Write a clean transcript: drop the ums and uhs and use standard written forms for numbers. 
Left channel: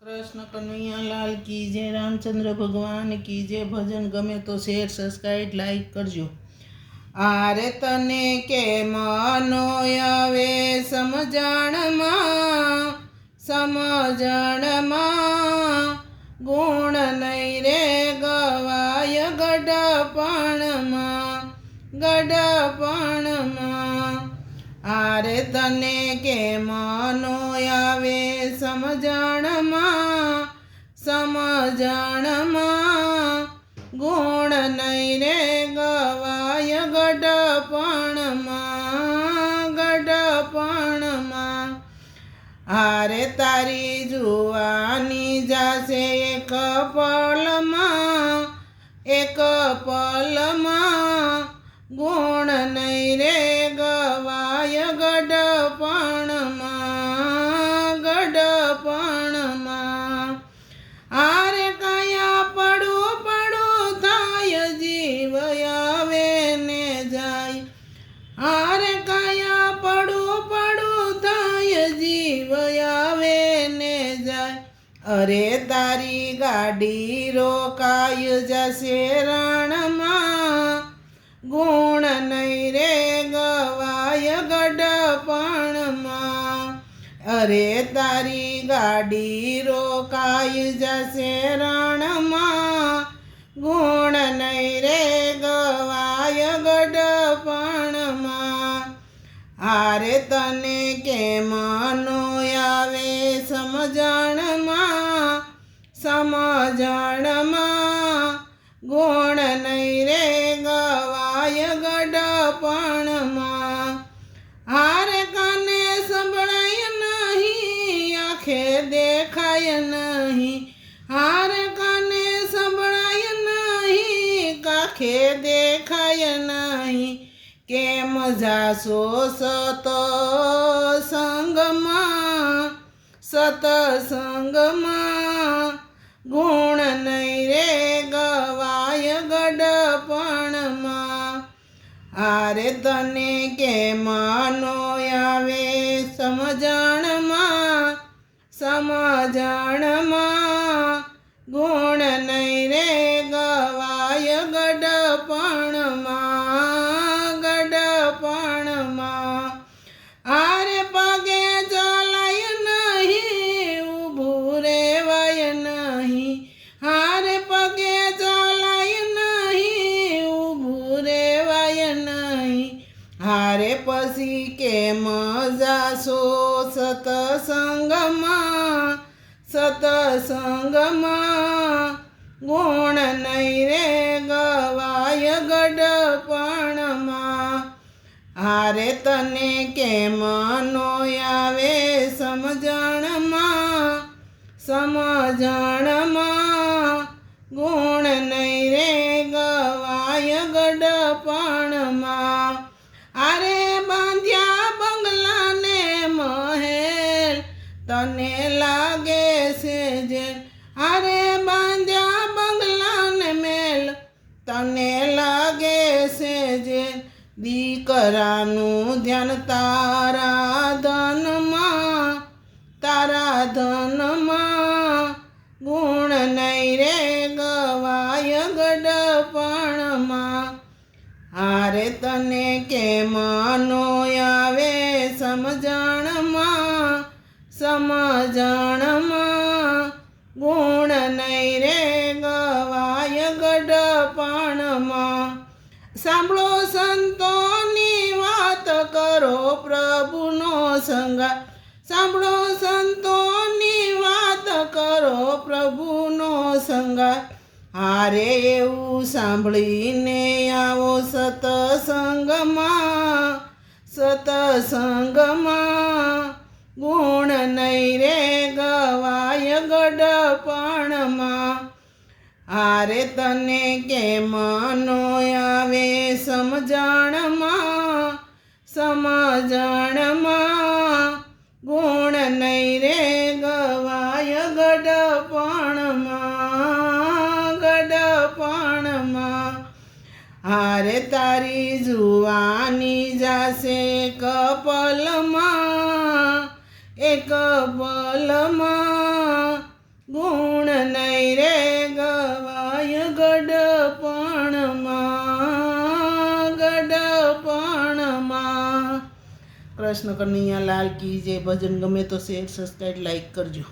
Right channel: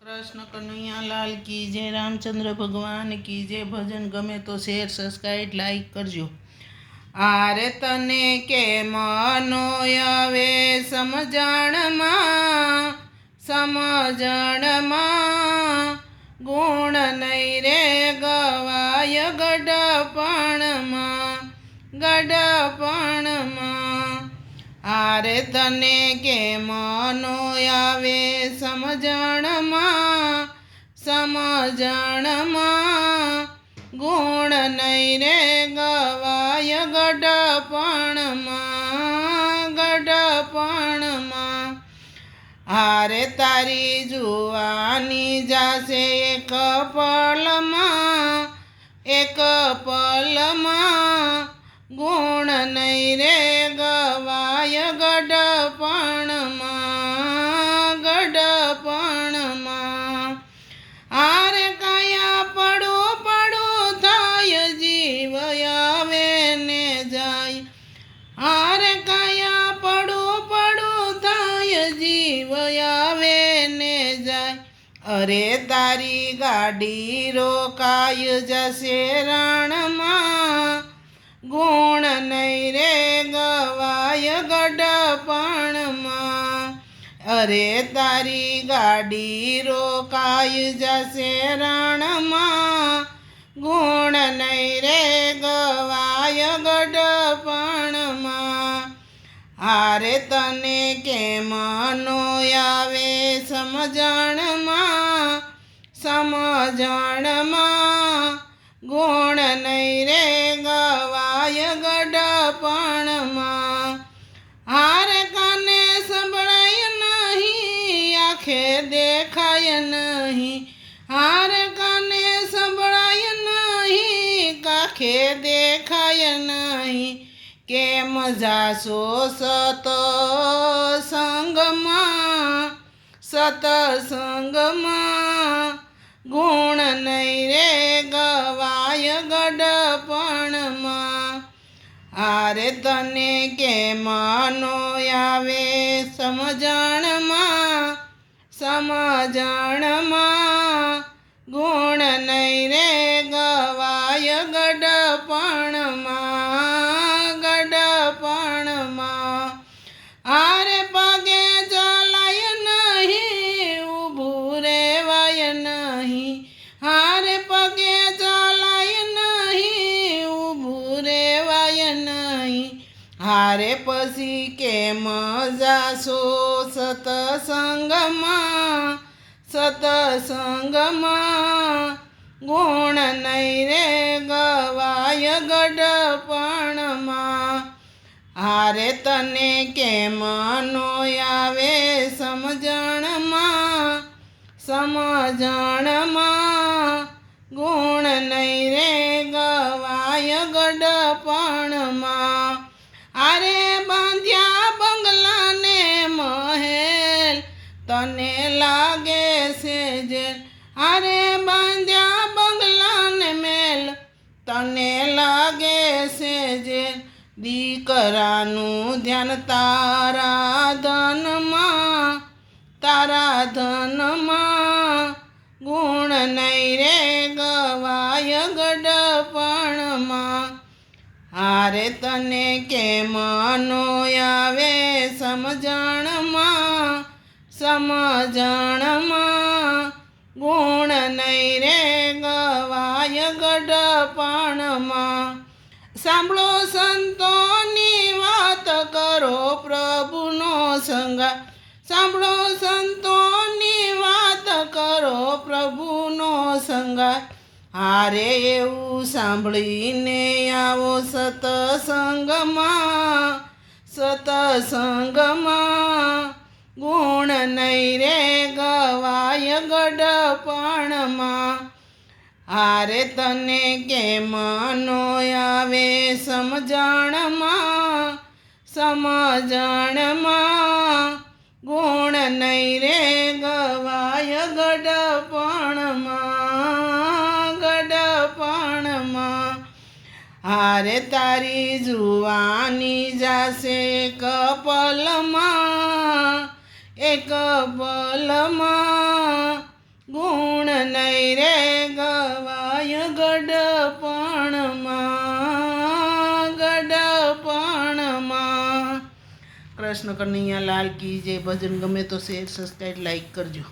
कृष्ण कन्हैया लाल की जय। रामचंद्र भगवान की जय। भजन गमे तो शेयर सब्सक्राइब लाइक करजो। आरे तने के मनो आवे समजण में गुण नहीं रे गवाय गडपण में। आरे तने के मनो आवे समजण में गुण नहीं रे गवाय गडपण में। आरे तारी जुवानी जासे एक पल में गुण नहीं रे गवाय गडपण में। आरे कया पड़ू थाय जीव आवे ने जाय। आरे कया पड़ू थाय जीव आवे ने जाय। अरे तारी गाड़ी रोकाय जसे रण में गुण नहीं रे गवाय गडपण में। अरे तारी गाड़ी रोकाय जसे रण में गुण नहीं रे गवाय गडपण में। आरे तने के मनो आवे समजण में गुण नहीं रे गवाय गडपण में। आरे काने संभळाय नहीं आखे देखाय नहीं। आरे काने संभळाय नहीं काखे देखाय नहीं। केम जासो सतसंग में गुण नहीं रे गवाय गडपण में। आरे तने के मनो आवे समजण में गुण नहीं रे गवाय गडपण में। आरे पगे चलाय नहीं ऊभू रेवाय नहीं। आरे पगे चलाय नहीं ऊभू रेवाय नहीं। हारे पसी के मजासो सतसंग में गुण नहीं रे गवाय गडपण में। आरे तने के मनो आवे समजण में गुण नहीं रे गवाय गडपण में। आरे बांध्या बंगला ने महल तने लागे से जेल। आरे बांध्या बंगला ने मेल तने लागे से जेल। दीकरानु ध्यान तारा धन में गुण नहीं रे गवाय गडपण में। आरे तने के मनो आवे समजण में गुण नहीं रे गवाय गडपण में। सांभळो संतोनी वात करो प्रभुनो संगा। सांभळो संतोनी वात करो प्रभुनो संगा। आरे एवं सांभळीने आवो सतसंग में गुण नहीं रे गवाय गडपण में। आरे तने के मनो आवे समजण में गुण नहीं रे गवाय गडपण में। आरे तारी जुवानी जासे एक पल में ગુણ નહીં રે ગવાય ગડપણમાં. કૃષ્ણ કનૈયા લાલ કી જય. ભજન ગમે તો શેર સબસ્ક્રાઈબ લાઈક કરજો.